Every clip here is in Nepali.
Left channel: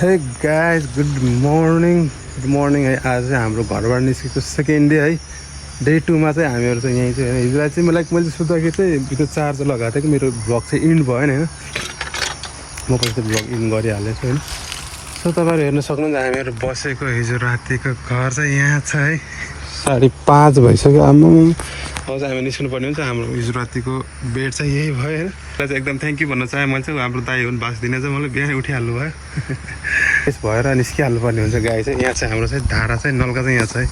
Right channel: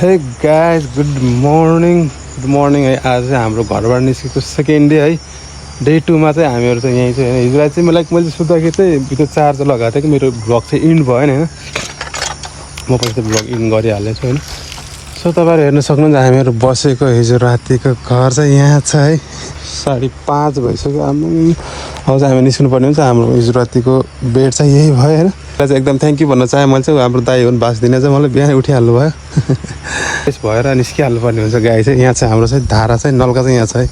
हे गाइस गुड मर्निङ है। आज चाहिँ हाम्रो घरबाट निस्केको सेकेन्ड डे है। डे 2 मा चाहिँ हामीहरू चाहिँ यहीँ चाहिँ हिजो चाहिँ मैले सुत्दाखेरि चाहिँ त्यो चार्जर लगाएको थिएँ कि मेरो भ्लग चाहिँ इन्ड भएन होइन। म पछि त भ्लग इन्ड गरिहाल्नेछु होइन। सो तपाईँहरू हेर्न सक्नुहुन्छ हामीहरू बसेको हिजो रातिको घर चाहिँ यहाँ छ है। 5:30 भइसक्यो। अब चाहिँ हामी निस्किनु पर्ने हुन्छ। हाम्रो हिजो रातिको बेड चाहिँ यही भयो होइन। चाहिँ एकदम थ्याङ्क यू भन्न चाहेँ। मैले चाहिँ हाम्रो दाइ हुन् बाँच्दिने चाहिँ मलाई बिहानै उठिहाल्नु भयो। यस भएर निस्किहाल्नु पर्ने हुन्छ। गाई चाहिँ यहाँ चाहिँ हाम्रो चाहिँ धारा चाहिँ नल्का चाहिँ यहाँ छ है।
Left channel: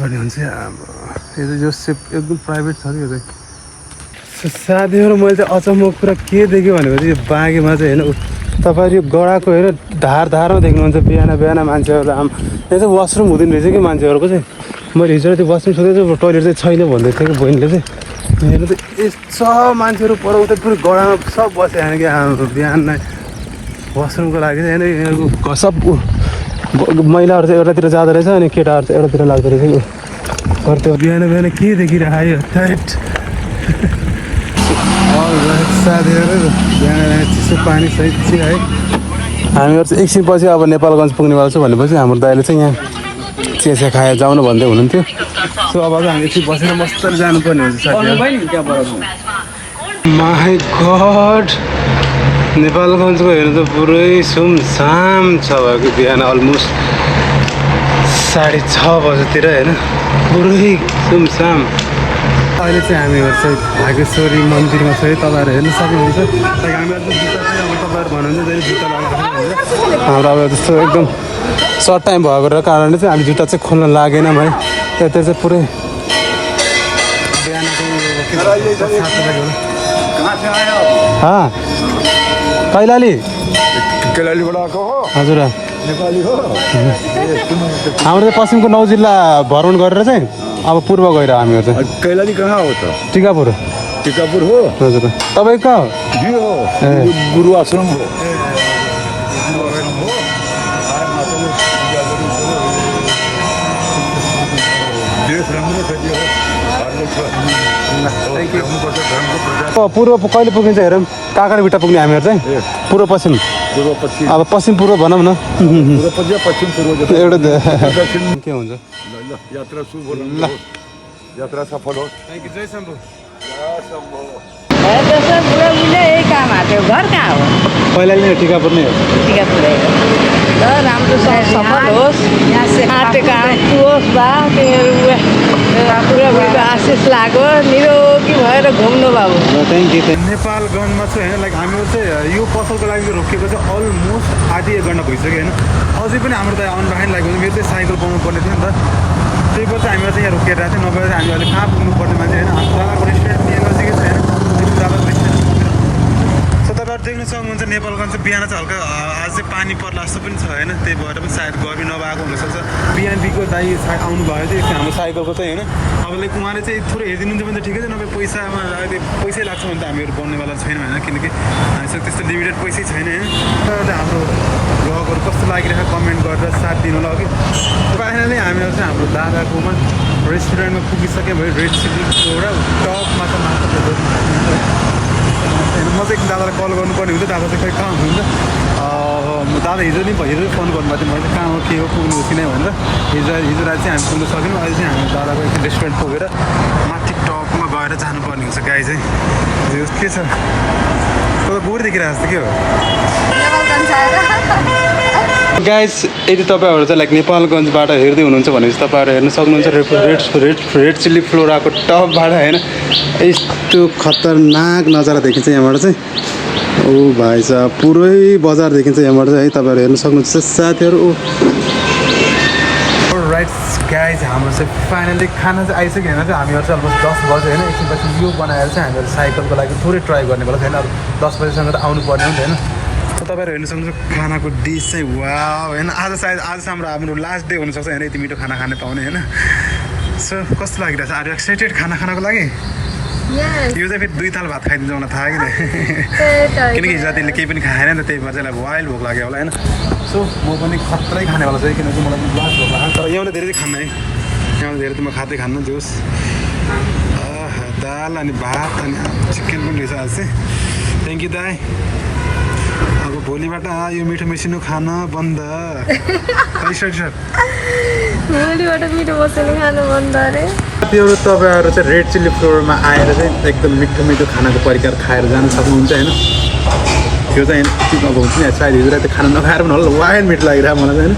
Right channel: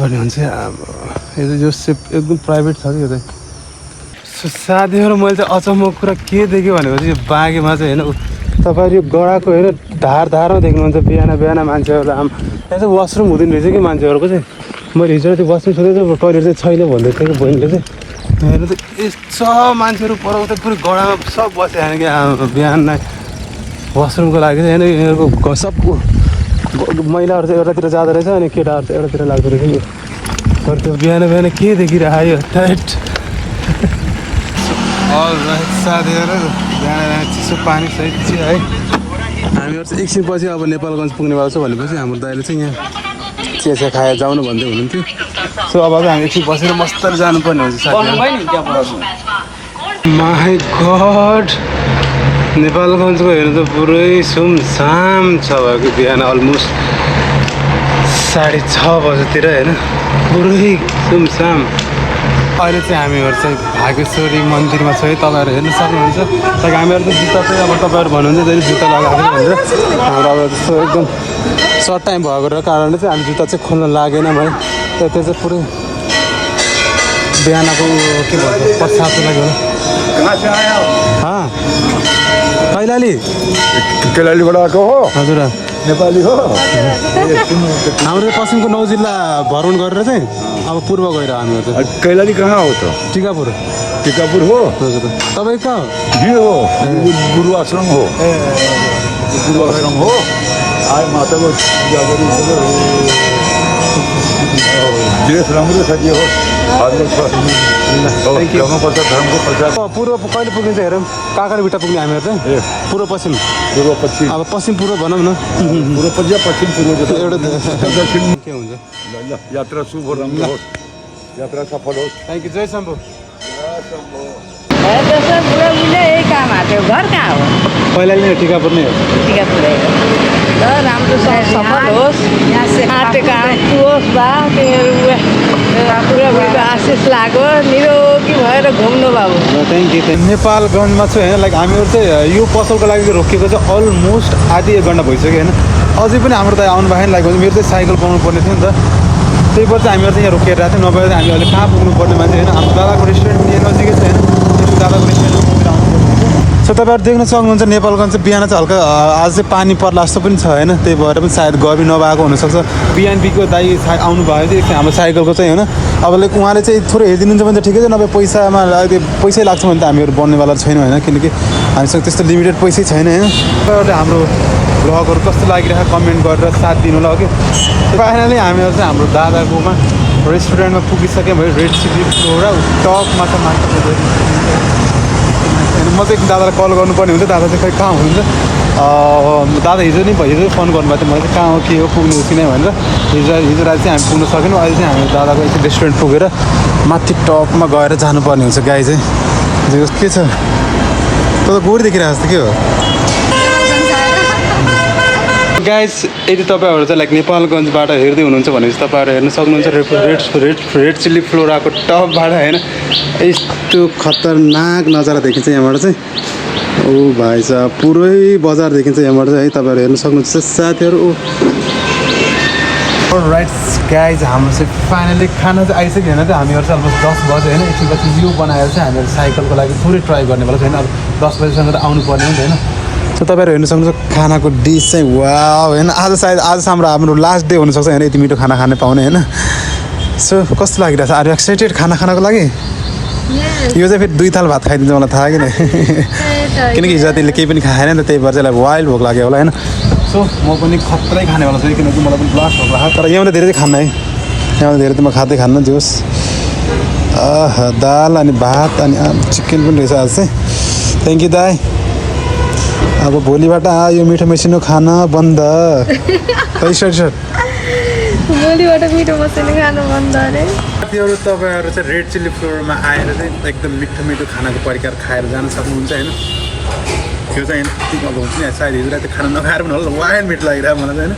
पर्ने हुन्छ अब यो सेप एकदम प्राइभेट छ कि यो चाहिँ। साथीहरू मैले चाहिँ अचम्मको कुरा के देख्यो भनेपछि यो बाँगेमा चाहिँ होइन तपाईँहरू यो गोडाको होइन धारमा देख्नुहुन्छ। बिहान मान्छेहरूलाई यहाँ चाहिँ वासरुम हुँदैन रहेछ कि मान्छेहरूको चाहिँ। मैले हिजो त्यो वासरुम सोधेको टोइलेट चाहिँ छैन भन्दै थियो कि हेर्नु त यस्तो मान्छेहरू पराउँछ पुरै गडामा सब बस्यो होइन कि बिहान वासरुमको लागि चाहिँ होइन। यिनीहरूको सब महिलाहरू चाहिँ एउटातिर जाँदो रहेछ अनि केटाहरू चाहिँ एउटातिर लाग्दो रहेछ कि। त्यो बिहान के देखिरह्यो टाइट। साथीहरू बिहान चिसो पानी सहित चाहिँ है। हामीहरू चाहिँ एकछिनपछि अब नेपालगञ्ज पुग्नेवाला छु भनेपछि हाम्रो दाइले चाहिँ यहाँ चिसो खाएर जाउनु भन्दै हुनुहुन्थ्यो। सो अब चाहिँ हामी एकछिन बसेर मस्तरी जानुपर्ने हुन्छ साथीहरू। माई गड नेपालगञ्जको हेर्नु त पुरै सुमसाम छ भएको। बिहान अलमोस्ट 6:30 बजेतिर होइन पुरै सुमसाम। अहिले चाहिँ हामीहरू चाहिँ भागेश्वरी मन्दिरमा छ है। तपाईँहरू हेर्न सक्नुहुन्छ। लाइक हामीहरू त जुत्ता चाहिँ अब तपाईँहरू भन्नुहुन्छ जहिले जुत्ता लगाएको भन्छ हाम्रो जस्तो एकदम सर्ट टाइम भएको कारणले चाहिँ अहिले जुत्ता चाहिँ खोल्न लागेन है। त्यो चाहिँ पुरै बिहानको के भन्छ पश्चातको लागि होला। कैलालीबाट आएको हो हजुर नेपाली हो। हाम्रो पश्चिमको 9 जिल्ला भ्रमण गरेर चाहिँ अब पूर्व गएर हामीहरू चाहिँ। कैलाली कहाँ हो त? टिकापुर हो। हजुर तपाईँ कहाँ हो? यो हो गुरु आश्रम हो। गुरु आश्रम हो। आए माताको देश राम्रो छ जे हो। ल्याउनुपर्छ धर्मको प्रचार। पूर्व कहिले पुग्ने चाहिँ हेरौँ। कहाँ भिट्टा पुग्ने हामीहरू चाहिँ पूर्व पश्चिम अब पश्चिम पूर्व भनौँ न। पूर्व पश्चिम पूर्व एउटा दक्षिण के हुन्छ। ल यात्रा शुभ राम्रो होस्। यात्रा सफल होस्। Thank you. जय शम्भु। यही काम आएको घर कहाँ हो? कैलाली नै टिकापुर नै हो। टिकापुरै हो। ल राम्रो सफल होस्। आँटे काम होस् बा तिमीहरू पुरा आशिष लाग्यो। निरोगी भएर घुम्नु बाबु। Thank you. नेपालगञ्जमा चाहिँ होइन लाइक हामीहरू चाहिँ यो पसलको लागि चाहिँ रोकिएको चाहिँ अलमोस्ट आधी 1 घन्टा भइसक्यो होइन। अझै पनि हाम्रो त आउनु भएन लाग्यो। मेरो चाहिँ साइकल पाउनु पर्ने थियो नि त। त्यही भएर चाहिँ हामीहरू चाहिँ यहाँ रोकिएर आएको थियो। नभए चाहिँ हामी अहिले कहाँ पुग्नु पर्ने मान्छे होइन। हाम्रो दादाको रेस्टुरेन्ट यहाँ नजिकै छ होइन। दादाको रेस्टुरेन्ट मन्दिर आउनु पर्ने हुन्छ। सो तपाईँहरू देख्न सक्नुहुन्छ नेपालगञ्ज चाहिँ बिहान चाहिँ हल्का आज चाहिँ पानी पर्ला जस्तो पनि छ होइन। त्यही भएर पनि सायद गर्मी नभएको हुनसक्छ। बिएनपीको दाइ आउनु भयो चाहिँ एकछिन हाम्रो साइकलको चाहिँ होइन। अब लाइक उहाँले चाहिँ थोरै हेरिदिनुहुन्छ भने त ठिकै छ। नभए पैसामा अहिले पैसै लाग्छ भने त हामीहरू बन्नेवाला छैनौँ होइन। किनकि हामीसँग त्यस्तो लिमिटेड पैसै छैन होइन। तर हाम्रो भ्लगहरू कस्तो लागिरहेको कमेन्ट गरेर साथ दिनु होला कि। फाइनली हामीहरू चाहिँ हाम्रो दादाकोमा रेस्टुरेन्टमा पुगिसक्यौँ भने रेड चिली एउटा टपमा त मात्र होइन। म चाहिँ दादालाई कल गर्नुपर्ने हुन्छ। दादा चाहिँ खै कहाँ हुनुहुन्छ। दादा हिजो फोन गर्नुभएको थियो। मैले चाहिँ कहाँ हो के हो पुग्ने हो कि नै भनेर। हिजो राति चाहिँ हामी पुग्न सकेनौँ। अहिले चाहिँ हामी दादाको एकछिन रेस्टुरेन्ट पुगेर माथि टपमा गएर जानुपर्ने हुन्छ। गाई चाहिँ के छ त गोडी देखिरहेको जस्तो के हो गाइस। यदि तपाईँहरू चाहिँ लाइक नेपालगञ्जबाट हेर्दै हुनुहुन्छ भनेपछि तपाईँहरू हेर्न सक्नुहुन्छ रेड चिल्ली फ्लोराको टपबाट होइन। यस्तो खतरनाक नजारा देखिन्छ यहाँबाट चाहिँ। ओ भाइ साहब पुरै बजार देखिन्छ यहाँबाट चाहिँ है। तपाईँहरू हेर्न सक्नुहुन्छ साथीहरू। राइट गाइज हाम्रो चाहिँ फाइनली खाना चाहिँ आइसक्यो होइन। चाहिँ हामीहरू चाहिँ अलमोस्ट 10 बजे होइन। एकछिनपछि यो बनाएर चाहिँ हामीहरू साइकलको लागि थोरै ट्राई गर्नेवाला छैन। अब 10 बजीसम्म त आउनु पर्ने हो नि त होइन। सो तपाईँहरू हेर्न सक्नुहुन्छ खानाको डिस चाहिँ वाउ होइन। आज सायद आजसम्म हाम्रो लास्ट डे हुनसक्छ होइन यति मिठो खाना खाने पाउने होइन। सो कस्तो लागिरहेको छ? आर यु एक्साइटेड खाना खानको लागि? यो चाहिँ फेरि 2 थाल भात खाइदिन्छ मलाई थाहा किन। किनकि हिजो रातिले केही पनि खाएन नि त। त्यही भएर चाहिँ वाइल्ड भोक लाग्यो होला होइन। सो म पनि खत्रै खानेवाला छु किनकि मलाई पनि ब्लास्ट भोक लाग्छ। तर यहाँभन्दा धेरै चाहिँ खान्न है। यहाँभन्दा धेरै त म खाँदै खान्न जे होस्। दाल अनि भात अनि चिकन पनि रहेछ आज चाहिँ। थ्याङ्क यू दाई। अब भोलिबाट यो मिठो मेसिनो खाना बन्द। भोलिबाट मिठो मसिनो खानु बन्द अरे। साथीहरू तपाईँहरू चाहिँ रेड चिल्ली फ्लोरमा आएर चाहिँ एकदम मिठो मिठो खानाको परिकार खाएर जान सक्नुहुन्छ होइन। त्यो चाहिँ अब हुन्छ नि सायद हिजो राति खाना नखाएर पनि होला वाइल्ड मिठो लागिरहेको मलाई चाहिँ होइन।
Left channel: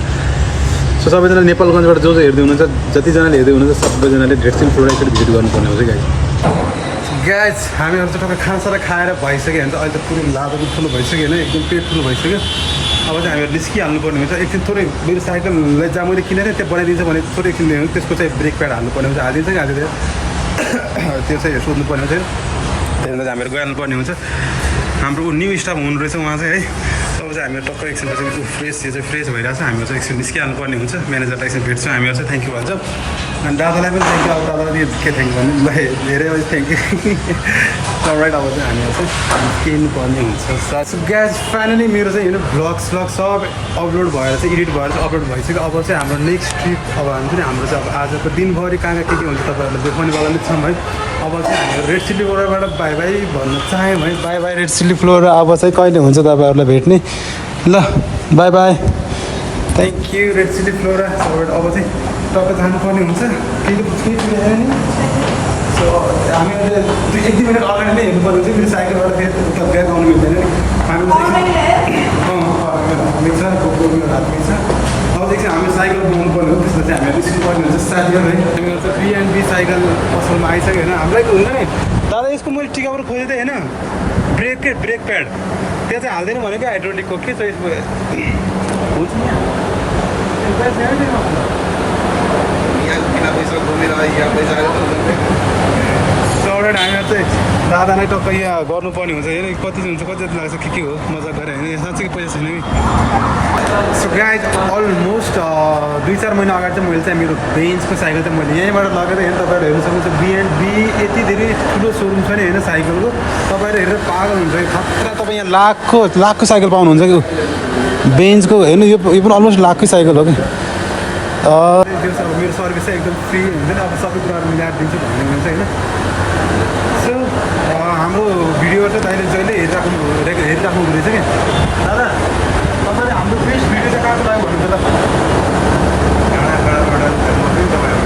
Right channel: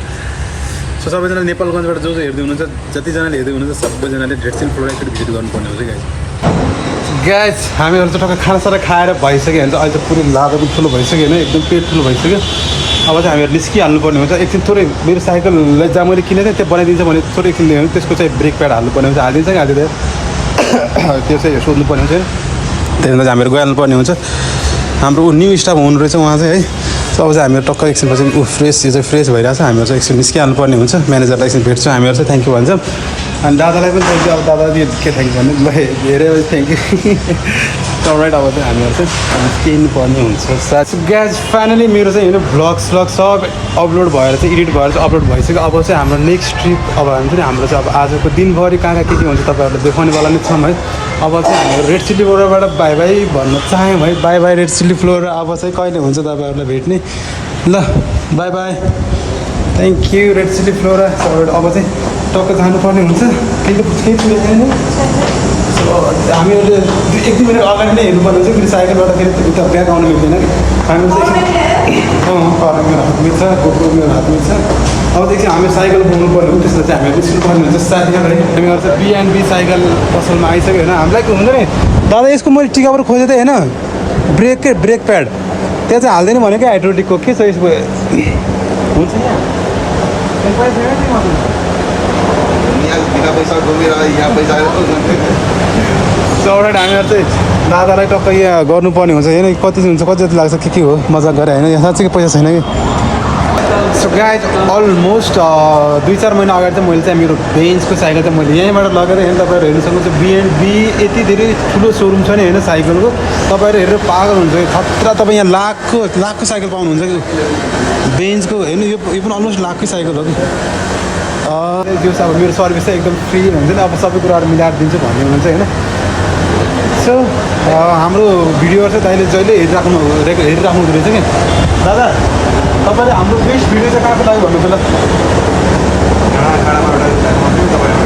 सो सबैजना नेपालगञ्जबाट जो हेर्दै हुनुहुन्छ जतिजनाले हेर्दै हुनुहुन्छ सबैजनाले रेड चिल्ली फ्लोर एकचोटि भिजिट गर्नुपर्ने हुन्छ गाइज। हामीहरू चाहिँ टक्क खानासाना खाएर भइसक्यो भने चाहिँ अहिले त पुरै लादा पनि ठुलो भइसक्यो होइन, एकदम पेट ठुलो भइसक्यो। अब चाहिँ हामीहरू निस्किहाल्नुपर्ने हुन्छ। एकछिन थोरै मेरो साइकललाई जहाँ मैले किनेको थिएँ त्यो बनाइदिन्छ भने थोरै किनिदियो भने त्यसको चाहिँ ब्रेक प्याड हाल्नुपर्ने हुन्छ। हालिदिन्छ कि हालिदिँदैन त्यो चाहिँ सोध्नुपर्ने हुन्छ होइन। त्यसमा चाहिँ हामीहरू गइहाल्नुपर्ने हुन्छ। हाम्रो न्यू स्टाफ हुनु रहेछ उहाँ चाहिँ है। सो अब चाहिँ हामीहरू टक्क एकछिनपछि फ्रेस यो चाहिँ फ्रेस भइरहेको छ। हामीहरू चाहिँ एकछिन निस्किहाल्नुपर्ने हुन्छ। म्यानेजरलाई एकछिन भेट्छौँ हामीहरू चाहिँ थ्याङ्क यू भन्छौँ। अनि दादालाई पनि थ्याङ्क यू। अब दादाले के थ्याङ्क यू भन्नु ल धेरै थ्याङ्क यू। राइट अब चाहिँ हामीहरू चाहिँ निस्किनुपर्ने हुन्छ। सो ग्याज फाइनली मेरो चाहिँ होइन भ्लग स्लग सब अपलोड भएर चाहिँ एडिट भएर चाहिँ अपलोड भइसक्यो। अब चाहिँ हाम्रो नेक्स्ट ट्रिप अब हुन्छ नि हाम्रो चाहिँ अब आजको दिनभरि कहाँ कहाँ के हुन्छ तपाईँहरूलाई देखाउनेवाला नै छौँ है। अब चाहिँ हामीहरू रेड चिल्ली फ्लोरबाट बाई बाई भन्न चाह्यौँ है। By by red chilli floor. अब चाहिँ कहिले हुन्छ तपाईँहरूलाई भेट्ने ल by by. Thank you read chilli floor. अब चाहिँ टक्क जानुपर्ने हुन्छ। सो हामीहरूले एक दुई मिनट अगाडि नै हेर्नुपर्ने हुन्छ। फेरि साइकलबाट फेरि उता ब्याग आउनु मिल्दैन कि हामी चाहिँ मेरो हात मिल्छ गोप्रो मेरो हात मिल्छ। अब चाहिँ हामी साइकल पाउनुपर्ने हुन्छ। त्यसलाई चाहिँ हामीहरू निस्किनुपर्ने हुन्छ साथीहरू है। हामीहरू चाहिँ B&B साइकल पसलमा आइसक्यो होइन। हामीलाई के हुन्छ नि दादा यसको मैले टिकाबाट खोजेँ त होइन ब्रेक प्याड त्यहाँ चाहिँ हाल्दैन भने क्या हाइड्रोलिकको के छ यसको हुन्छ चौराट हामीहरू चाहिँ दादालाई टक्क यहाँ गर्नुपर्ने हुन्छ होइन। कति हुन्छ कति जति लाग्छ के हो मजाक गरेँ होइन। यहाँ साँच्चै पैसा छैन कि। सो गाइज अलमोस्ट 2-4 महिना अगाडि चाहिँ मैले चाहिँ मेरो बेन्चको साइकल चाहिँ मैले यहीँबाट लगेर होइन तपाईँहरू हेर्नु सक्नुहुन्छ। B&B यति धेरै ठुलो सोरुम छ नि होइन साइकलको। तपाईँहरू हेरेर पागल हुन्छ कि खतरा। तपाईँ यहाँ लाखको साइकल पाउनुहुन्छ कि बेन्चको हेर्नु यो पनि अलमोस्ट लाखकै साइकल हो कि। त्यो चाहिँ अब मेरो सर्भिस चाहिँ एकदम फ्री हुन्छ नि। अब सबै कुराहरू मिलाएर दिन्छु भन्ने हुनुहुन्छ होइन। सो हाम्रो भिडियोहरू चाहिँ दाइले जहिले हेरिराख्नु हुँदो रहेछ कि दादा तपाईँले हाम्रो बेस्ट भिडियो चाहिँ कहाँको लाग्यो भन्नु त ल।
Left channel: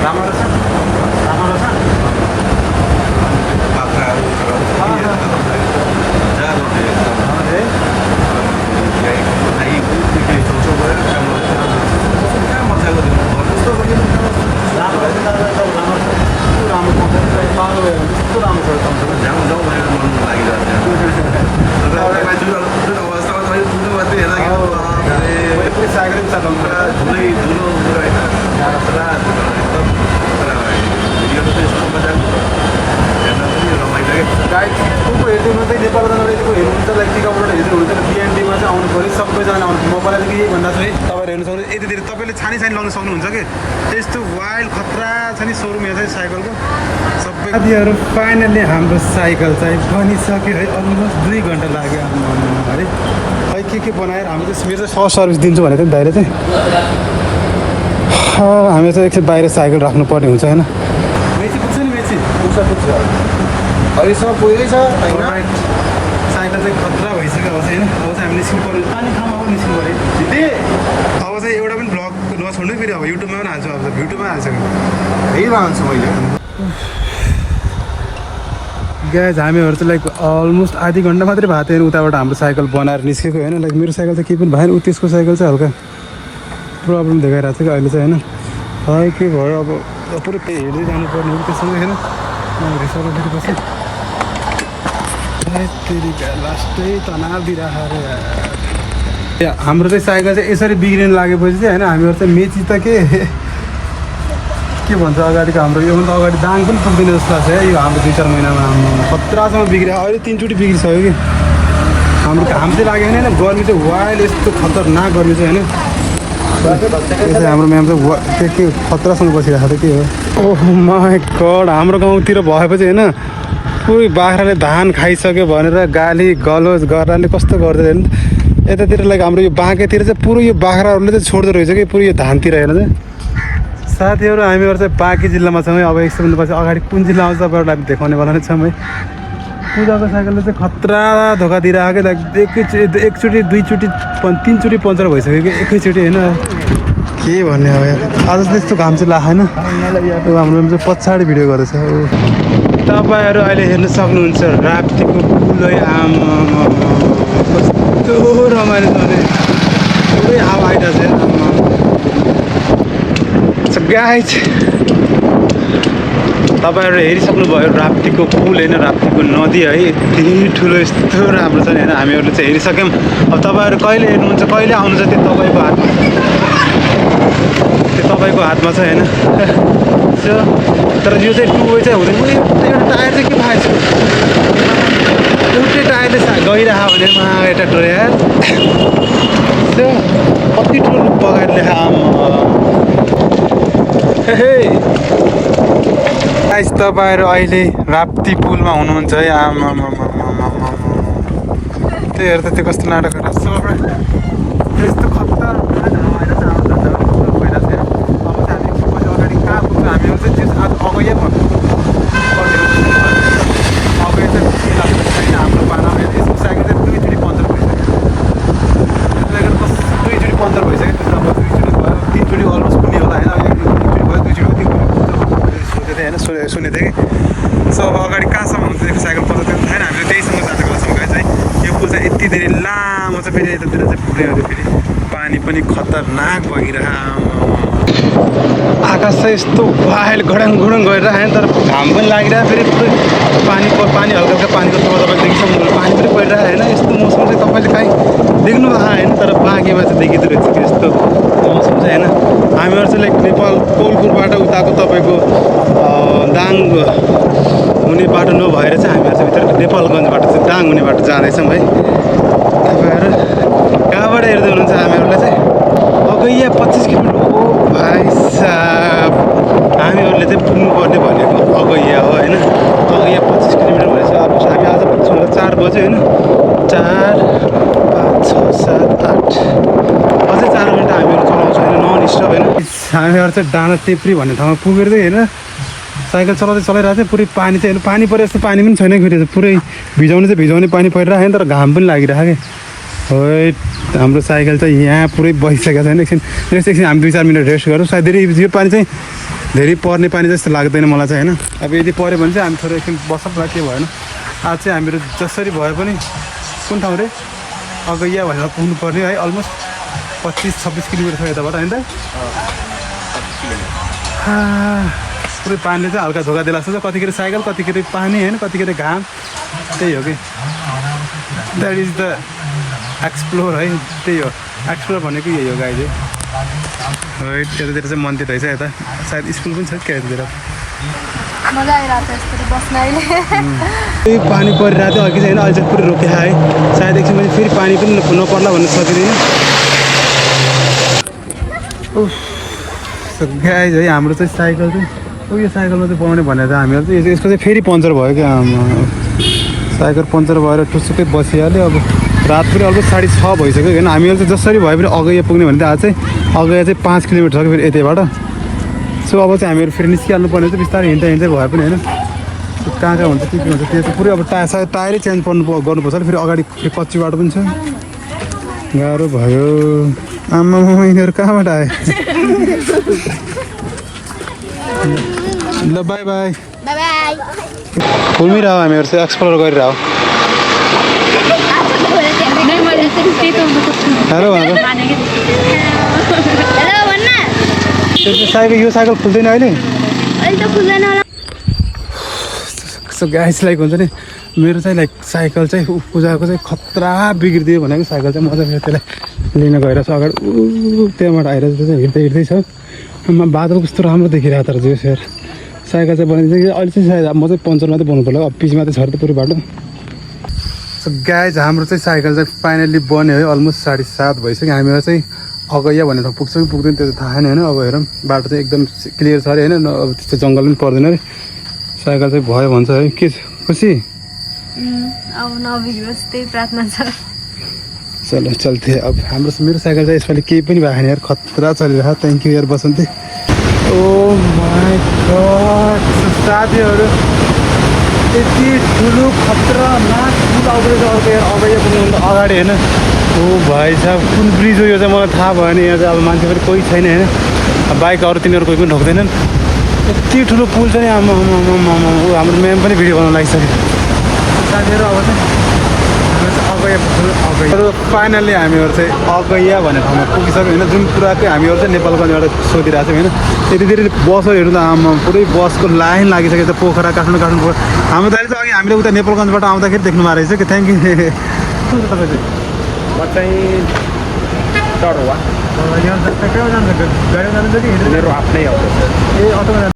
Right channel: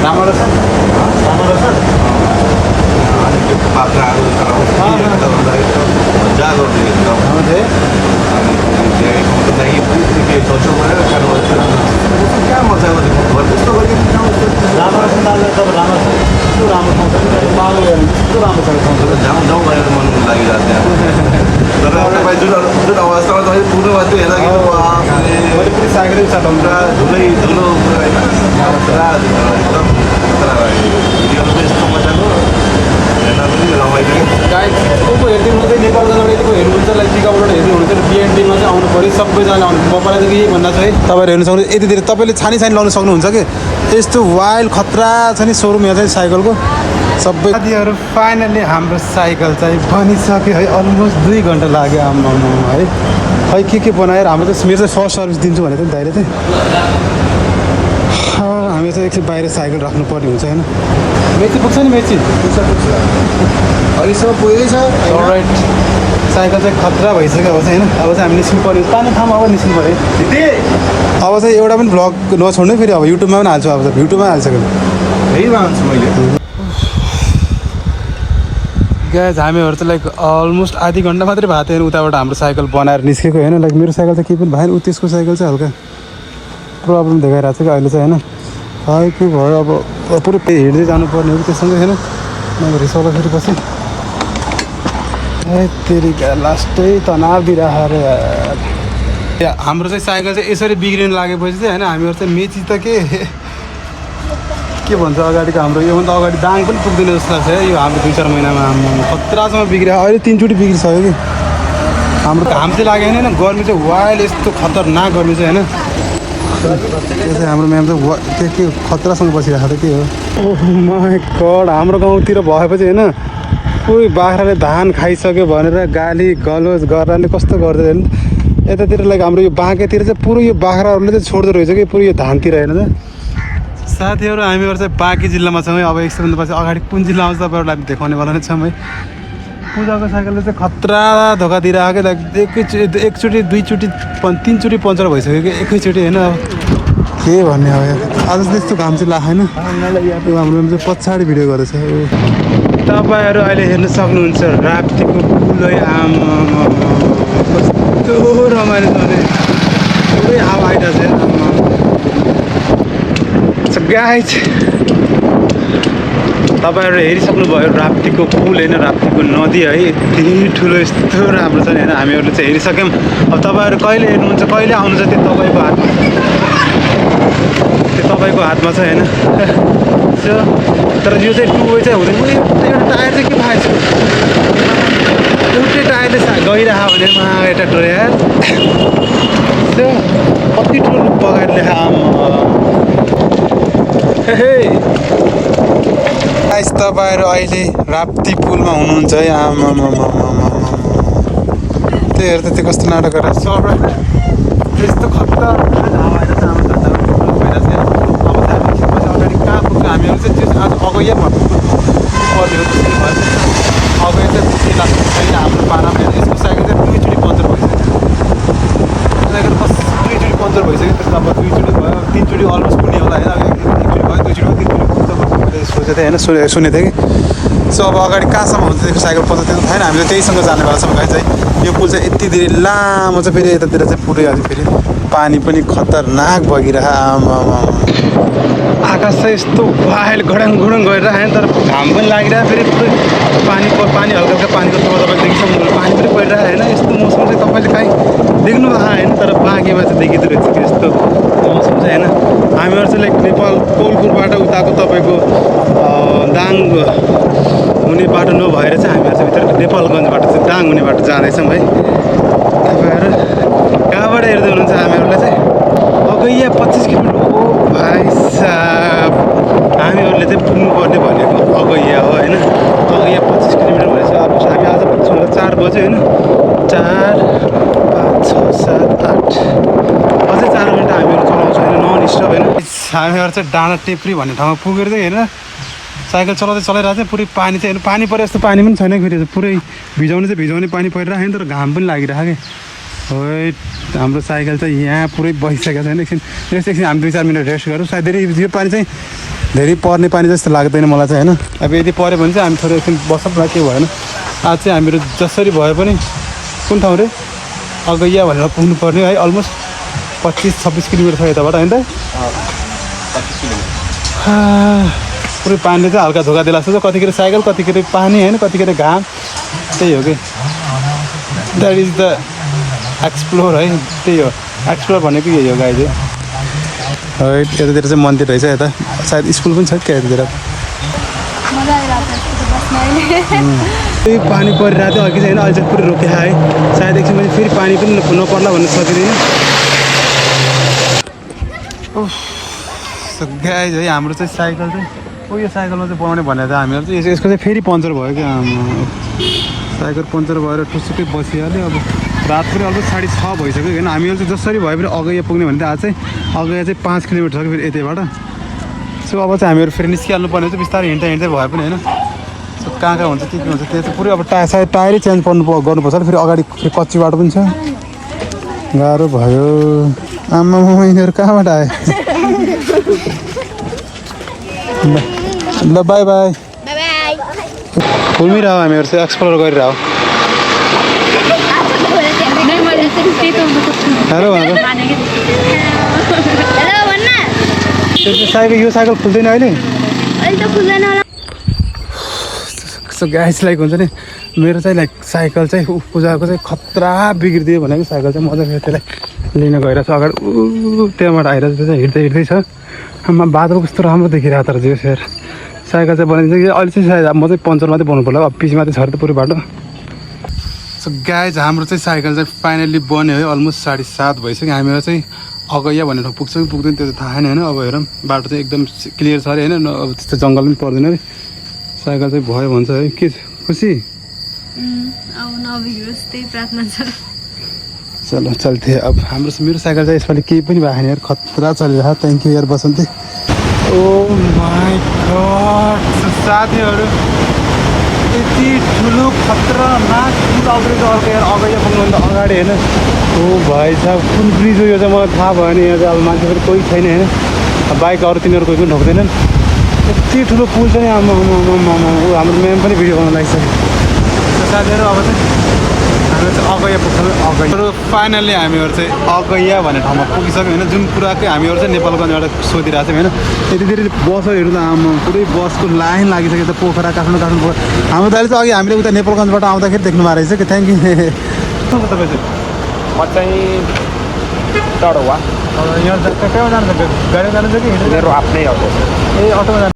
राम्रो रहेछ राम्रो रहेछ। राम्रो रहेछ दादा तपाईँ राम्रो छ यस्तो राम्रो पाउँछ कि तपाईँ बालो हेर्नु यस्तो राम्रो छ पाउँछ। मैले पुरै साइकलै चलाउनु गाइड को हेर्दै हुनुहुन्छ नेपालगञ्जबाट यतिको हेर्नुहुन्छ लाइक टिकाबाट हेर्दै हुनुहुन्छ B&Bमा चाहिँ आउनु पऱ्यो। सबैजना आउनु म पहिलादेखि यही भन्दा चाहिँ तपाईँहरू हेर्नु सक्नुहुन्छ। यति धेरै तपाईँले छानी लाउनु सक्नुहुन्छ कि यस्तो वाइल्ड खतरा छ नि सोरुम यहाँ चाहिँ साइकलको सबै। साथीहरू फाइनल्ली हाम्रो साइकल चाहिँ बनिसक्यो है। अलमोस्ट 2 घन्टा लाग्यो आम्मा है। खै के बनाएर हाम्रो चाहिँ मेरो चाहिँ फर्स्ट सर्भिस दिन्छु भनेको नि दाइले चाहिँ। हामी चाहिँ एकछिन बाहिर साइकल राख्नुपर्ने हुन्छ होइन। मेची पुग्छ नि मेची पुगेकै छ। राइट साइकल चाहिँ खतरा भइसक्यो अब चाहिँ होइन। अब चाहिँ हामी निस्किनु पऱ्यो पानी ठाउँमा अब निस्किनु पऱ्यो। अब चाहिँ एउटा पनि भ्लग नछोड्नु फेरि अब युट्युबमा पनि हाल्छु। अब त युट्युबमा हालिसक्यो फेरिमा हाल्छु मैले। ग्याज हामीहरू चाहिँ लाइक अलमोस्ट आधी घन्टा मात्रै भएको थियो उताबाट हाम्रो साइकल बनाएर निस्केको होइन। लाइक मेरो साइकल त केही पनि भएन। त्यसको साइकल चाहिँ हल्का प्रब्लम देखाइरहेको छ कि अहिले चाहिँ होइन। खै के भयो अब पुरै हिँड्दै जानुपर्ने हो कि त्यससँगै होइन। अब रिसाउँदा फेरि पछि फेरि लास्टै तनाव दिइरहेको अरे हाम्रो चाहिँ साइकल चाहिँ यसरी बिग्रिनु लागेपछि चाहिँ होइन हामीहरू चाहिँ मेची त के भन्छ अगाडिको हाम्रो योभन्दा अगाडि दाङ पनि पुग्दैन जस्तो लाग्छ है। यो हाम्रो 2-4 महिनामा हाम्रो खतरासँग बिग्रियो। अहिले 3 चोटि बिग्रिसक्यो कि हाम्रो चाहिँ लाग्यो होइन। गर्मी चाहिँ वाइल्ड यस्तो खतरनाक गर्मी चाहिँ होइन। त्यो चाहिँ हाम्रो म्याम चाहिँ के खतरासँग बसिरहेको त के हो। ओह माई गड हाम्रो गाउँतिर भएपछि होइन पुरै बाख्राले धान खाइसक्यो भनेर गाली गलोज गर्नाले कस्तो गर्दैन। यतातिर लाइक हाम्रो यो बाँकेतिर चाहिँ पुरै यो बाख्राहरूले चाहिँ छोड्दो रहेछ कि पुरै यो धानतिर हेर्नु चाहिँ साथीहरू हामीहरू चाहिँ बाँकी जिल्लामा छौँ है। अब एकछिनपछि अगाडि कुन जिल्ला आउँछ तपाईँहरूलाई देखाउनेवाला नै छौँ है। पूजाको साइकलले चाहिँ खतरा धोका दिइरहेको एकचोटि दुईचोटि तिनचोटि पङ्चर भइसक्यो कि एकैचोटि होइन। अब के भन्ने अब आज त्यस्तो घाम चाहिँ लागेन। यो हाम्रो चाहिँ पछाडि भिडियो गर्दैछ। तपाईँहरू अहिले हेर्न सक्नुहुन्छ राप्तीको पुल है। आमा कस्तो रमाइलो छ भने पुरै हावा आइरहेको छ। गाइज तपाईँहरू हेरिसक्नुभयो राप्तीको पुल होइन, राप्तीको नदी है। यति ठुलो यस्तो राम्रो छ नि होइन। हामीहरूले चाहिँ हेरिसक्यौँ। अब तपाईँहरू कहिले हेर्नुहुन्छ कहिले आउनुहुन्छ त्यो तपाईँको हातमा छ होइन। तर यो चाहिँ टु वे चाहिँ हुँदैन। एउटा टायर चाहिँ के भएको छ, एउटै टायरले गइरह भने एउटा टोयर कति ठुलो बगाएर लेखा। गाइस तपाईँहरू अहिले राप्ती पुलमा हुनुहुन्छ है। आमा त्यही हेर्दा त्यो कस्तो नाटक गरेर यस्तो खतरा हावा आइरहेको छ। हाम्रो धन्दा पनि पुरो भइरहेको छ। अब चाहिँ हामी एकछिनपछि अगाडि कहाँ पुग्छ हामीहरू चाहिँ त्यो आज अगैयामा पुग्नुपर्ने हो जस्तो भयो। अगैया चाहिँ के लाग्छ छैन हाम्रो पारामा होइन। यसको साइकल चाहिँ दुईचोटि पङ्चर भइसक्यो। साइकल दुईचोटि पङ्चर भइसक्यो। नम्बर दुईचोटि भयो, तिनचोटि अलमोस्ट पुग्ने होला होइन। एकचोटि भयो, दुईचोटि भयो, तिनचोटि सोचेको थिएँ होइन, सुनेको थिएँ कि। सो अब अगाडि कहाँसम्म हुन्छ त्यो साइकल पङ्चर त्यो छैन। हामीले त्यहीसँग जानेवाला छौँ गाइस है। यो पुल चाहिँ यति धेरै लामो छ। फेरि यतातिर चाहिँ पुरै अझै फेरि पानी पनि खतरनाक बगिरह। आकाश चाहिँ यस्तो वाइल घडङ गरिरहेको होइन। तर घाम पनि लागिरहेको फेरि पुरै पानी हल्का हल्का पानीको तल तपाईँले देखिसक्नु पानी पनि परिरहेको होइन। यस्तो मौसम चाहिँ तपाईँले काहीँ देख्नु भएको होइन। तर बाँकीमा चाहिँ देखिँदो रहेछ कि यस्तो मौसम चाहिँ होइन। हामीहरू चाहिँ लाइक नेपाल कोलपुरबाट उताको तपाईँको दाङ हुने बाटो नभएर चाहिँ हामीहरू चाहिँ भित्र नेपालगञ्जबाट चाहिँ दाङ हुने बाटो जाँदैछौँ है। तपाईँहरू कहाँबाट हेर्दै हुनुहुन्छ हामीहरूलाई चाहिँ अगैया 25 किलोमिटर। ओ भाइ साहब हामीहरूले चाहिँ पुग्नुपर्ने भनेको अगैया हो होइन। अगैया 25 किलोमिटर भएछ। अब हामी आज पुग्छौँ होला 4 बजे होइन। 4, 5, 6, 7, 8 अझै 4 घन्टा हामीहरू चलाउँछौँ होइन, नन स्टप होइन। हामीहरू चाहिँ डाँडा टेप्री भन्ने ठाउँमा पुगेर चाहिँ हेरेर साइकल चलाइरहेको थियो। पुरै पानी चाहिँ पानी परे जस्तो पानी पनि छैन। फेरि पुरै भिजाउने पानी परिरहेको छैन। तर घाम पनि लागिरहेको कि हो। हाम्रो साइकल चाहिँ यहाँ पुरै बसिसकेको छैन। एकछिन हामी 2-4 मिनट रेस्ट गरौँ। सायद धेरै यो पानी चाहिँ धेरै पर्ने पानी जस्तो लाग्दैन मलाई चाहिँ होइन। अब यदि पऱ्यो भने चाहिँ हामी थोरै एकछिन बसौँला, के भएन। आज चाहिँ हामीहरू जसरी भए पनि कुन ठाउँ रे अगैया भनेर पुग्नुपर्ने है। अलमोस्ट 25-26 किलोमिटर छ यताबाट होइन त। पुरै पानीले चाहिँ हल्का धोका दिएको जस्तो छ। कतिखेर साइकल, कतिखेर पानी होइन, कतिखेर घाम। त्यही हो कि द्याट इज द एक्सप्लोर है। त्यही हो एक्सप्लोर भनेको यही हो गाइज है। यतातिर चाहिँ मन्दिर रहेछ। यता सायद स्कुल पनि छ क्या यतातिर। मजा आइरहेको थियो बस्न अहिले। त्यही पानी परिरहेको थियो अघि चाहिँ होइन। अहिले चाहिँ पुरै रोकिया है। सायद एकछिनपछि फेरि पानी पनि नपर्ला भन्ने सकिँदैन। गाइज है हाम्रो चाहिँ साइकल चाहिँ यो साइकलमा चाहिँ बनाउने भनेर चाहिँ हामीहरू चाहिँ यसको चाहिँ फेरि पङ्चर भयो क्या। साइकल पङ्चर भएर ठुसुकै बसिहाल्यो। अब रात पनि अलमोस्ट 6:30 भइसक्यो होइन। हामीहरू चाहिँ जसरी भयो भने अगैया पुग्ने भने चाहिँ आज चाहिँ अगैया चाहिँ 5 किलोमिटर छ कि फेरि यतैबाट। सो अब चाहिँ हामीहरू फेरि निस्किहाल्नु पर्ने चाहिँ बिस्तारै हिँड्दै भए पनि होइन। सो कहाँ हुन्छ के हुन्छ त्यो चाहिँ पुरै अब सायद टायरै चेन्ज गर्नुपर्छ। फेरि अगाडि फेरि कच्ची बाटो पनि छ। गाह्रो भयो। आमा यिनीहरू कहाँबाट आयो। ल बाई बाई। घुमिरह हामीहरू चाहिँ एक्सप्लोर गरिरह। हेलो साइकल यो साइकल खुल्दैन अहिले गाइस। लाइक हुन्छ नि मेरो चाहिँ लाइक साइकल चाहिँ पूजाको चाहिँ खतरा बिग्रिदियो भनेको साइकल चाहिँ मजा मेरो त्यसलाई लिन गइरहेको छ। अगाडि त्यहाँबाट आइरहेको चाहिँ हिँड्दै छ। आमा बादल कस्तो राम्रो देखिरहेको तर जो सेयर साइकल चाहिँ बनाइदिन्छ कि अहिले चाहिँ सायद म चाहिँ पङ्चर मात्रै बनाउनु पर्ला। अब पिचमा चाहिँ छ त पुरै बाटो। सो गाइज हाम्रो चाहिँ साइकल चाहिँ फाइनल्ली बन्यो है। अलमोस्ट 7:30 भइसक्यो। हामीहरू चाहिँ अगैया भन्ने ठाउँ पुग्छ कि पुग्दैन त्यो थाहा छैन होइन। अब हेरौँ बाटो चाहिँ एकदम क्लियर छ अरे होइन। अब त्यस्तो जङ्गल पनि पर्दैन अरे। साइकल चाहिँ भयो भन्छ है। के खुसी अब नबिग्रोस् त्यही प्रार्थना छ। चलो चल्थ्यो। अब हाम्रो मेरो साइकल चाहिँ यसपालि केही पनि भएको छैन यार। खतरा चलिरहेको। थ्याङ्क यू यार बसन्ती। माई गॉड साथीहरू यति ठुलो खतरनाक पुल आउँदो रहेछ अर्को यहाँ अगाडि पुग्नुभन्दा अगाडि होइन ओ भाइ साहब कुन ब्रिज हो यो चाहिँ मलाई थाहा भएन यहाँ चाहिँ अब मान्छे पनि कोही छैन होइन बाइक अरू तिनीहरू कोही पनि ढोक्दैनन् यति ठुलो पुल चाहिँ हाम्रो म्याम पनि भिडियो बनाउनु लागिसक्यो साथीहरू अब चाहिँ हामी चाहिँ अगैया पुग्छौँ अगैया फाइनल्ली हामीहरू चाहिँ अगैया भन्ने ठाउँमा पुगिसक्यो होइन जुन कुराकै हामीहरू चाहिँ नेपालगञ्जबाट सोधिरहेको छौँ होइन यति धेरै बसहरू त आमा पुरै बसको लाइन लागिसक्यो त पोखरा काठमाडौँ पोखरा हाम्रो दाइले चाहिँ अघि हामीले उता नेपालगञ्जबाट आउँदाखेरि देख्नु भएको रहेछ कि थ्याङ्क यू तपाईँ चाहिँ म चाहिँ टडवा यहाँ कहाँ जानुहुन्छ गाडीमा जानुहुन्छ कि मेरो आफ्नै अटो ए अटोमा